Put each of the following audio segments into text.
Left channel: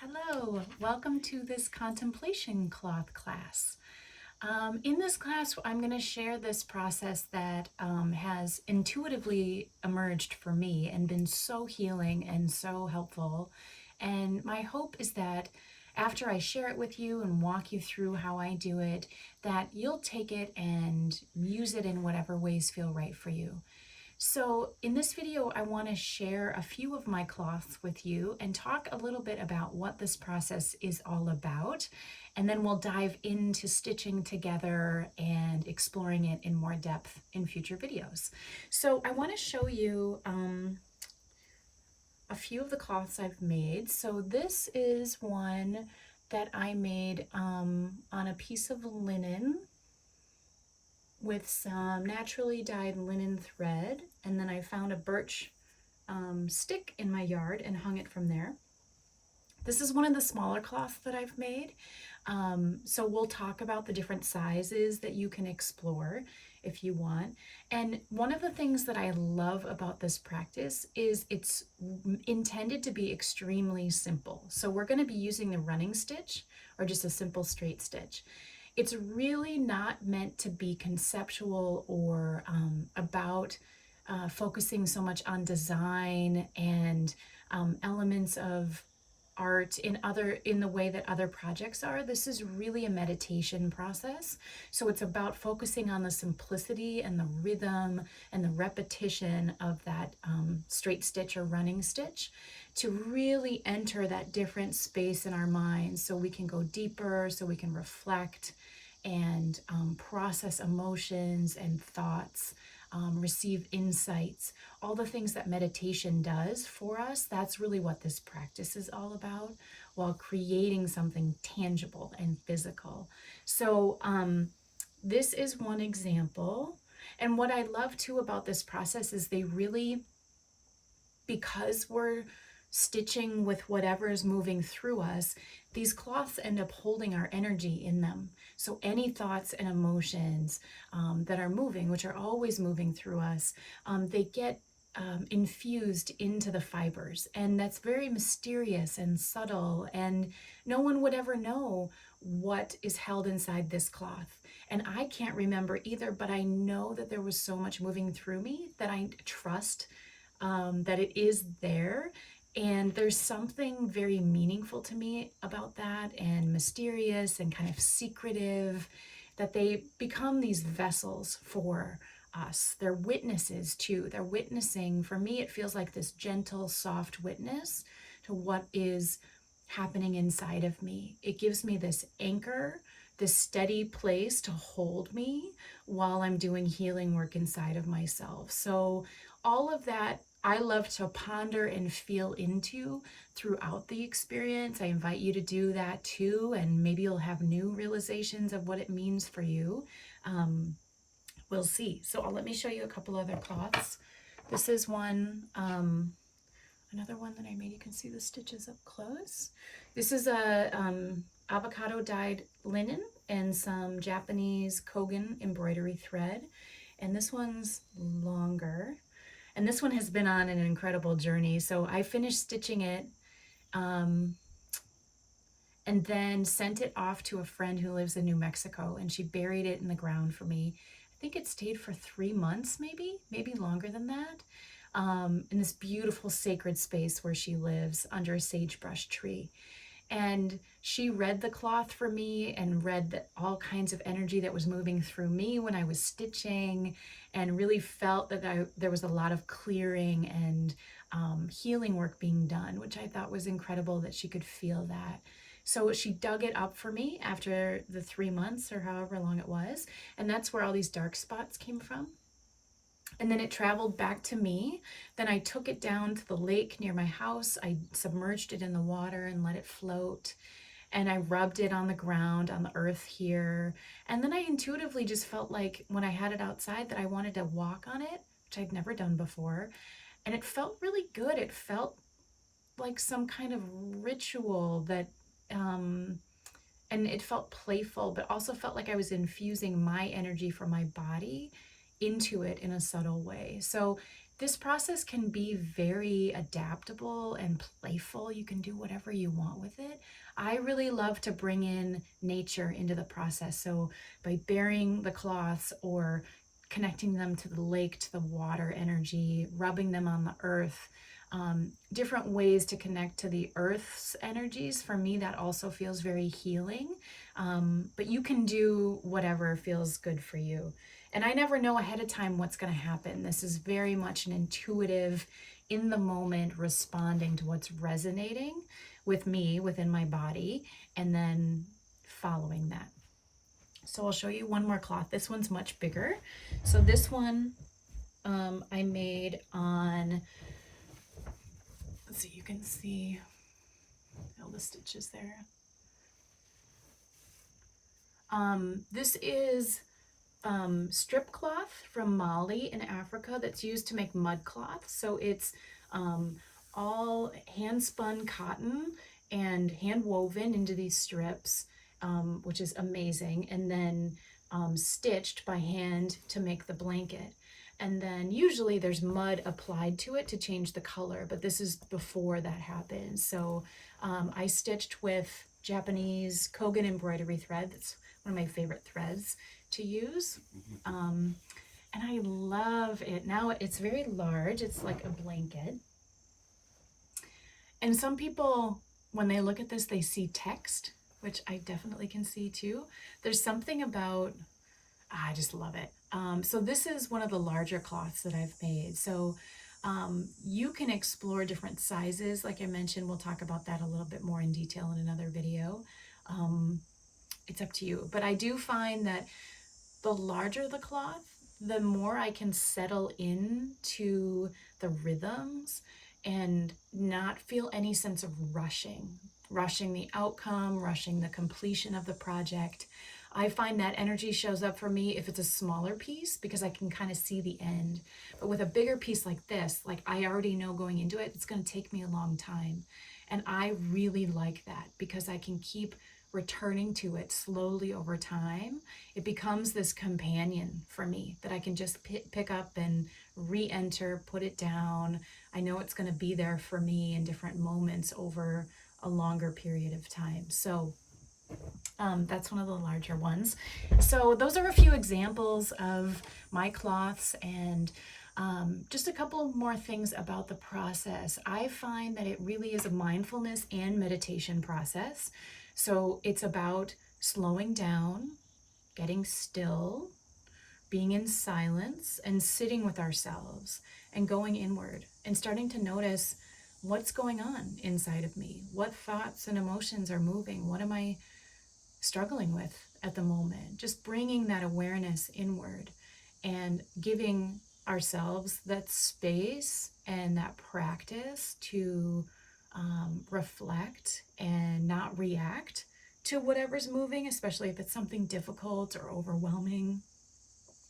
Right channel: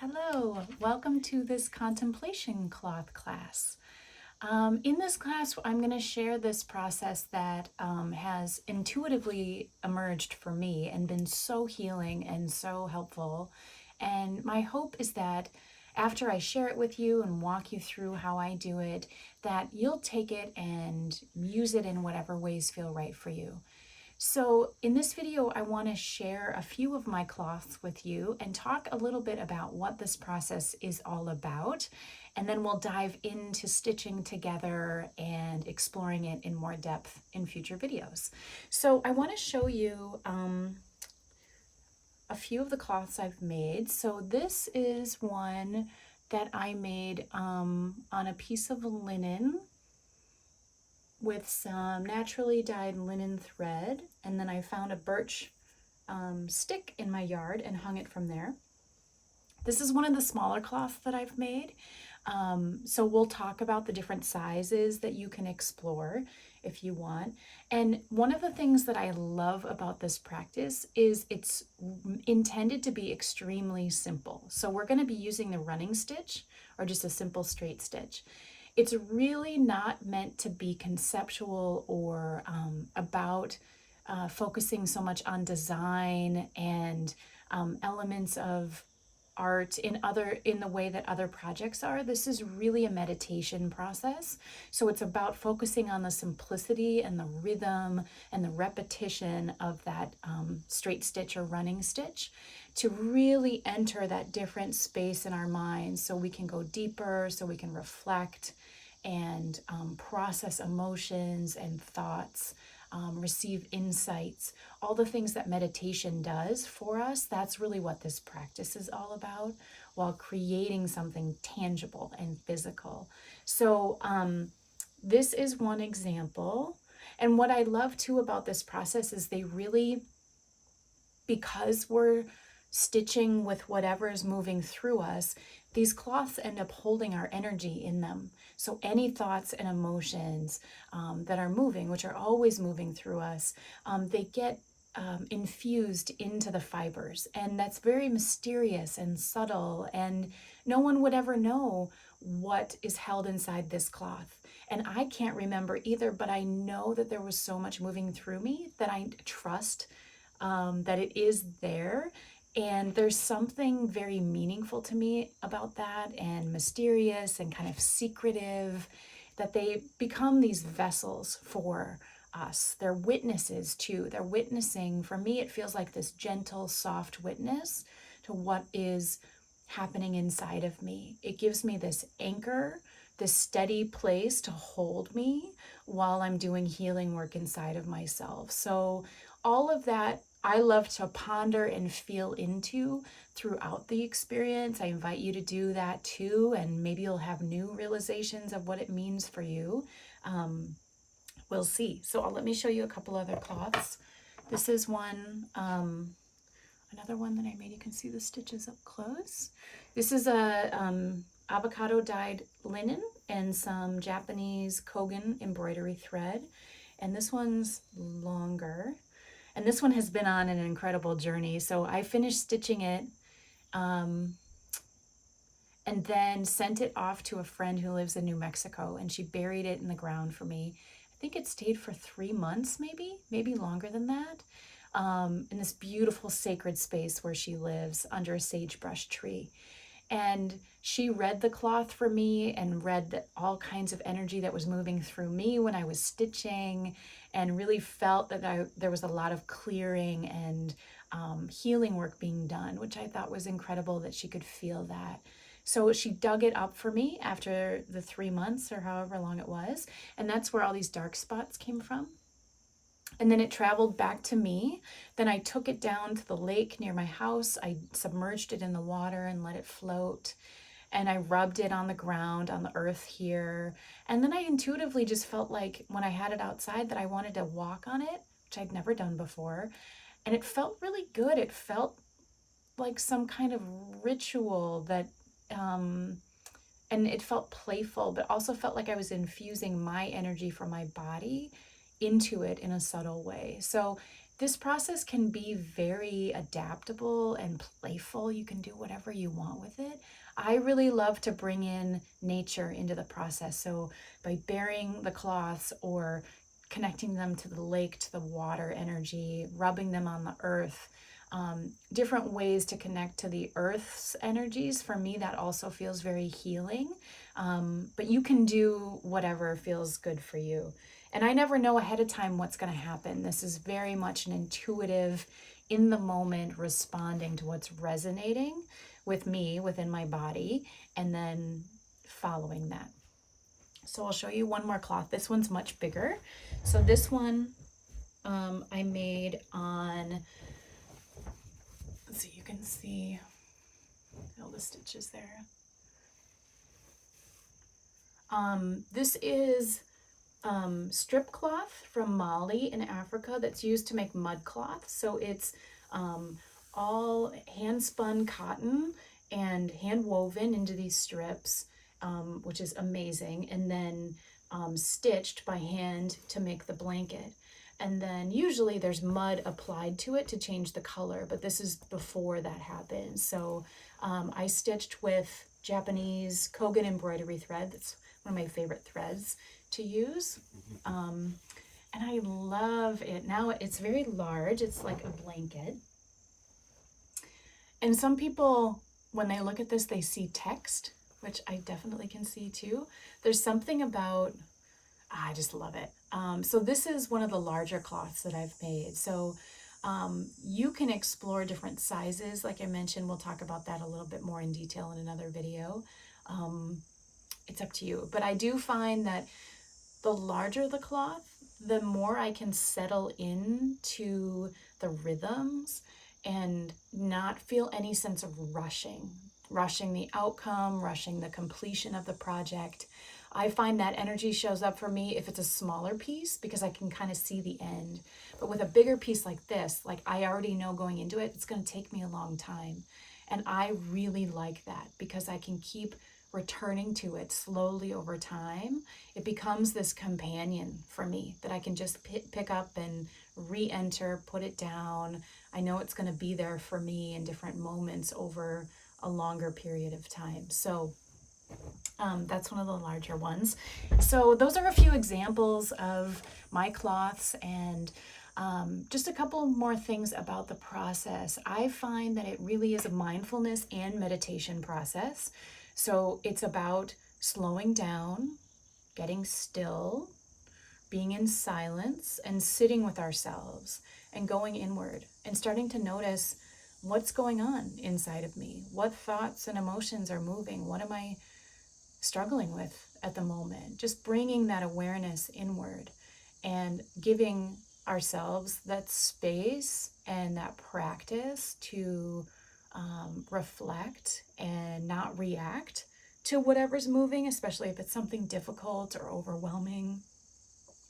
Hello, welcome to this contemplation cloth class. In this class, I'm going to share this process that has intuitively emerged for me and been so healing and so helpful. And my hope is that after I share it with you and walk you through how I do it, that you'll take it and use it in whatever ways feel right for you. So in this video, I want to share a few of my cloths with you and talk a little bit about what this process is all about. And then we'll dive into stitching together and exploring it in more depth in future videos. So I want to show you a few of the cloths I've made. So this is one that I made on a piece of linen with some naturally dyed linen thread, and then I found a birch stick in my yard and hung it from there. This is one of the smaller cloths that I've made. So we'll talk about the different sizes that you can explore if you want. And one of the things that I love about this practice is it's intended to be extremely simple. So we're going to be using the running stitch or just a simple straight stitch. It's really not meant to be conceptual or about focusing so much on design and elements of art in the way that other projects are. This is really a meditation process. So it's about focusing on the simplicity and the rhythm and the repetition of that straight stitch or running stitch to really enter that different space in our minds so we can go deeper, so we can reflect and process emotions and thoughts, receive insights, all the things that meditation does for us. That's really what this practice is all about, while creating something tangible and physical. So this is one example. And what I love too about this process is they really, because we're stitching with whatever is moving through us, these cloths end up holding our energy in them. So any thoughts and emotions that are moving, which are always moving through us, they get infused into the fibers. And that's very mysterious and subtle, and no one would ever know what is held inside this cloth. And I can't remember either, but I know that there was so much moving through me that I trust that it is there. And there's something very meaningful to me about that, and mysterious and kind of secretive, that they become these vessels for us. They're witnesses too. They're witnessing. For me, it feels like this gentle, soft witness to what is happening inside of me. It gives me this anchor, this steady place to hold me while I'm doing healing work inside of myself. So all of that I love to ponder and feel into throughout the experience. I invite you to do that too, and maybe you'll have new realizations of what it means for you. We'll see. So let me show you a couple other cloths. This is one, another one that I made. You can see the stitches up close. This is a avocado dyed linen and some Japanese Kogan embroidery thread. And this one's longer. And this one has been on an incredible journey. So I finished stitching it and then sent it off to a friend who lives in New Mexico, and she buried it in the ground for me. I think it stayed for 3 months, maybe longer than that, in this beautiful sacred space where she lives under a sagebrush tree. And she read the cloth for me and read all kinds of energy that was moving through me when I was stitching, and really felt that there was a lot of clearing and healing work being done, which I thought was incredible that she could feel that. So she dug it up for me after the 3 months or however long it was, and that's where all these dark spots came from. And then it traveled back to me. Then I took it down to the lake near my house. I submerged it in the water and let it float. And I rubbed it on the ground, on the earth here. And then I intuitively just felt like when I had it outside that I wanted to walk on it, which I'd never done before. And it felt really good. It felt like some kind of ritual that, and it felt playful, but also felt like I was infusing my energy from my body into it in a subtle way. So This process can be very adaptable and playful. You can do whatever you want with it. I really love to bring in nature into the process. So by burying the cloths or connecting them to the lake, to the water energy, rubbing them on the earth, different ways to connect to the earth's energies. For me, that also feels very healing. But you can do whatever feels good for you. And I never know ahead of time what's going to happen. This is very much an intuitive, in the moment, responding to what's resonating with me within my body, and then following that. So I'll show you one more cloth. This one's much bigger. So this one I made on, let's see, you can see all the stitches there. This is strip cloth from Mali in Africa that's used to make mud cloth. So it's all hand spun cotton and hand woven into these strips, which is amazing, and then stitched by hand to make the blanket. And then usually there's mud applied to it to change the color, but this is before that happens. So I stitched with Japanese Kogan embroidery thread. That's one of my favorite threads to use. And I love it. Now it's very large. It's like a blanket. And some people, when they look at this, they see text, which I definitely can see too. There's something about, I just love it. So this is one of the larger cloths that I've made. So you can explore different sizes. Like I mentioned, we'll talk about that a little bit more in detail in another video. It's up to you. But I do find that the larger the cloth, the more I can settle into the rhythms and not feel any sense of rushing the outcome, rushing the completion of the project. I find that energy shows up for me if it's a smaller piece because I can kind of see the end. But with a bigger piece like this, like I already know going into it, it's going to take me a long time. And I really like that because I can keep returning to it slowly over time. It becomes this companion for me that I can just pick up and re-enter, put it down. I know it's going to be there for me in different moments over a longer period of time. So that's one of the larger ones. So those are a few examples of my cloths, and just a couple more things about the process. I find that it really is a mindfulness and meditation process. So it's about slowing down, getting still, being in silence, and sitting with ourselves and going inward and starting to notice what's going on inside of me. What thoughts and emotions are moving? What am I struggling with at the moment? Just bringing that awareness inward and giving ourselves that space and that practice to reflect and not react to whatever's moving, especially if it's something difficult or overwhelming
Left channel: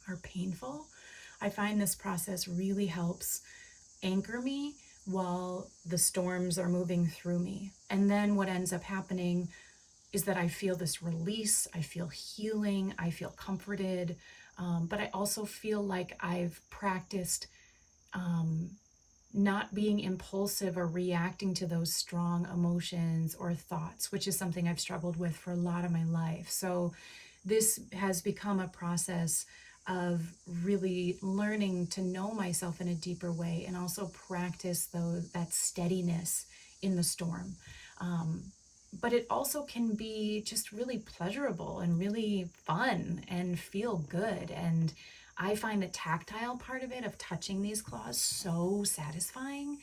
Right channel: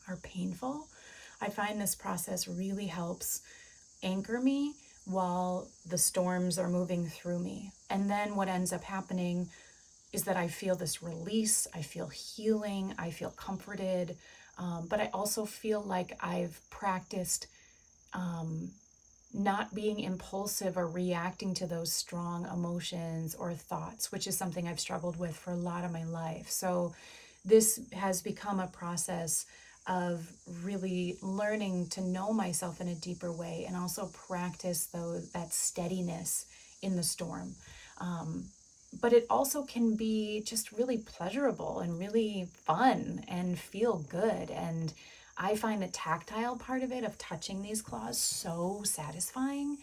or painful. I find this process really helps anchor me while the storms are moving through me. And then what ends up happening is that I feel this release, I feel healing, I feel comforted, but I also feel like I've practiced not being impulsive or reacting to those strong emotions or thoughts, which is something I've struggled with for a lot of my life. So this has become a process of really learning to know myself in a deeper way and also practice that steadiness in the storm. But it also can be just really pleasurable and really fun and feel good. And I find the tactile part of it, of touching these claws, so satisfying.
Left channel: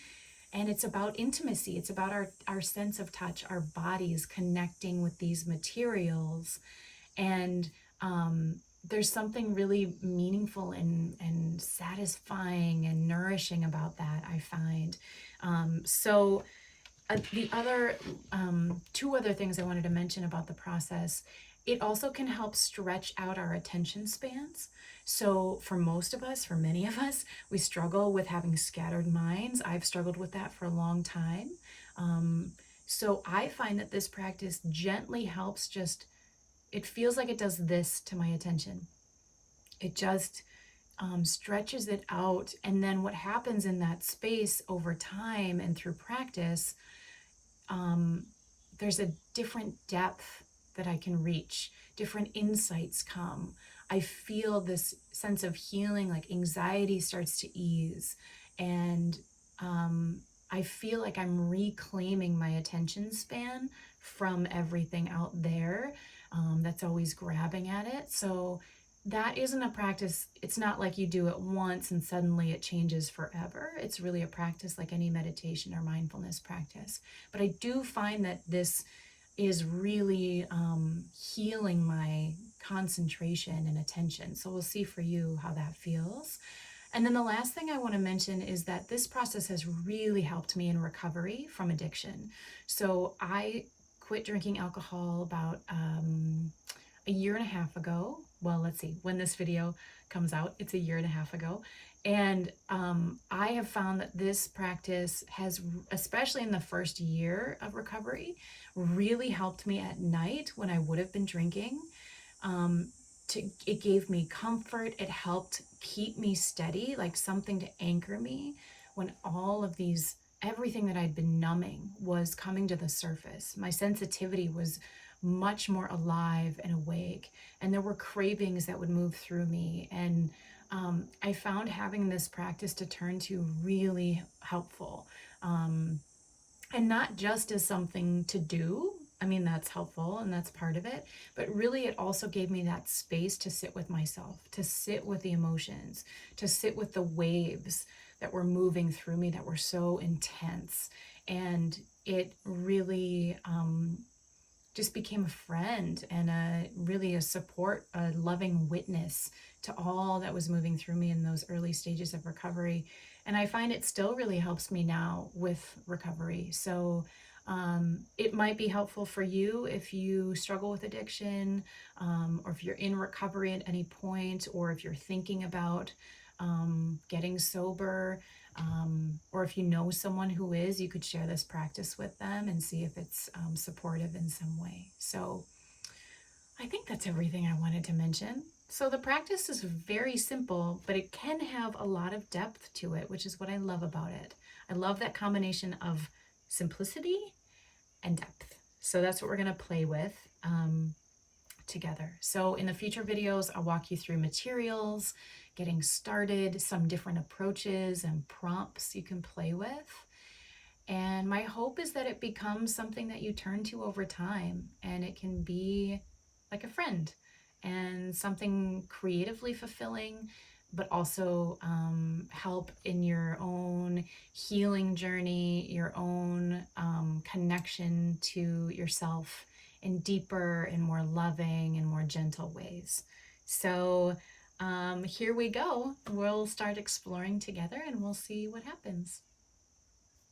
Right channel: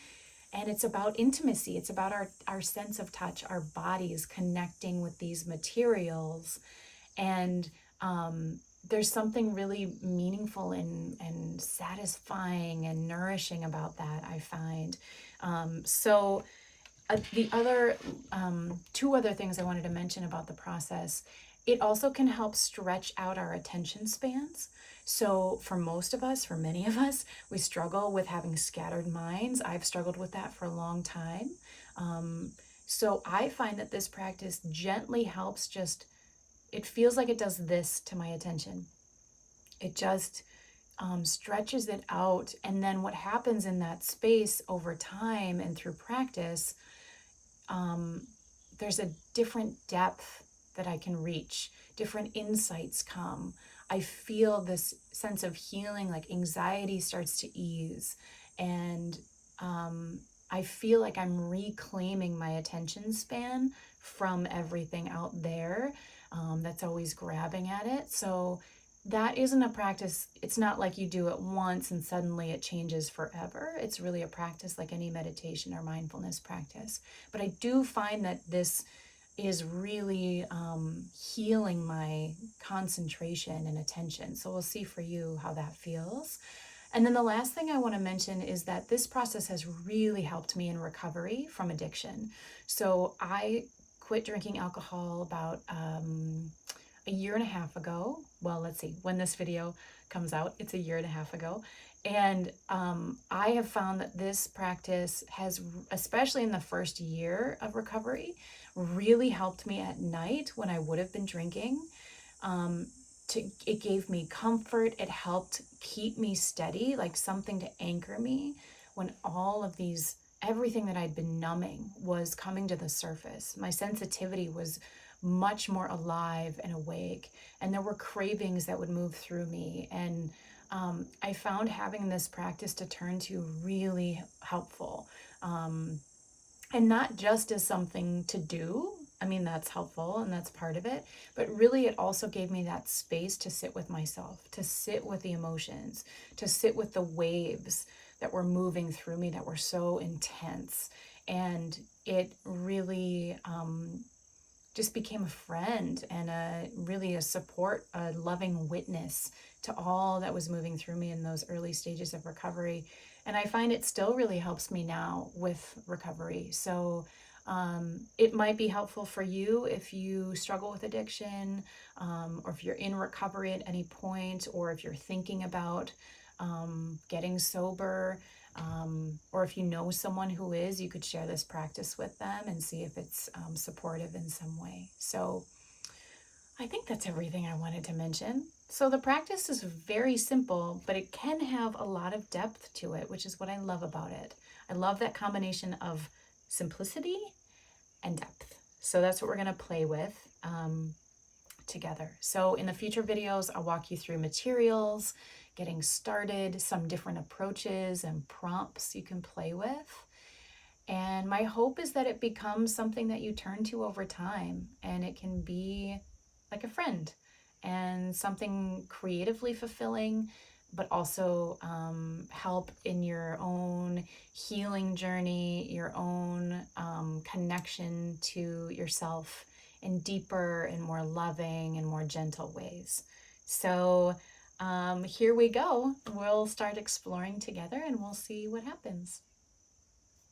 And it's about intimacy. It's about our sense of touch, our bodies connecting with these materials. And there's something really meaningful and satisfying and nourishing about that, I find. The other two other things I wanted to mention about the process, it also can help stretch out our attention spans. So for most of us, for many of us, we struggle with having scattered minds. I've struggled with that for a long time. So I find that this practice gently helps it feels like it does this to my attention. It just stretches it out. And then what happens in that space over time and through practice, there's a different depth that I can reach, different insights come. I feel this sense of healing, like anxiety starts to ease. And I feel like I'm reclaiming my attention span from everything out there that's always grabbing at it. So that isn't a practice. It's not like you do it once and suddenly it changes forever. It's really a practice like any meditation or mindfulness practice. But I do find that this is really healing my concentration and attention. So we'll see for you how that feels. And then the last thing I want to mention is that this process has really helped me in recovery from addiction. So I quit drinking alcohol about a year and a half ago. Well, let's see, when this video comes out, it's a year and a half ago. And I have found that this practice has, especially in the first year of recovery, really helped me at night when I would have been drinking. It gave me comfort. It helped keep me steady, like something to anchor me when all of these, everything that I'd been numbing was coming to the surface. My sensitivity was much more alive and awake, and there were cravings that would move through me. And I found having this practice to turn to really helpful. And not just as something to do. I mean, that's helpful and that's part of it, but really it also gave me that space to sit with myself, to sit with the emotions, to sit with the waves that were moving through me that were so intense. And it really just became a friend and really a support, a loving witness to all that was moving through me in those early stages of recovery. And I find it still really helps me now with recovery. So it might be helpful for you if you struggle with addiction, or if you're in recovery at any point, or if you're thinking about getting sober, or if you know someone who is, you could share this practice with them and see if it's supportive in some way. So I think that's everything I wanted to mention. So the practice is very simple, but it can have a lot of depth to it, which is what I love about it. I love that combination of simplicity and depth. So that's what we're going to play with together. So in the future videos, I'll walk you through materials, getting started, some different approaches and prompts you can play with. And my hope is that it becomes something that you turn to over time, and it can be like a friend and something creatively fulfilling, but also help in your own healing journey, your own connection to yourself in deeper and more loving and more gentle ways. So here we go. We'll start exploring together and we'll see what happens.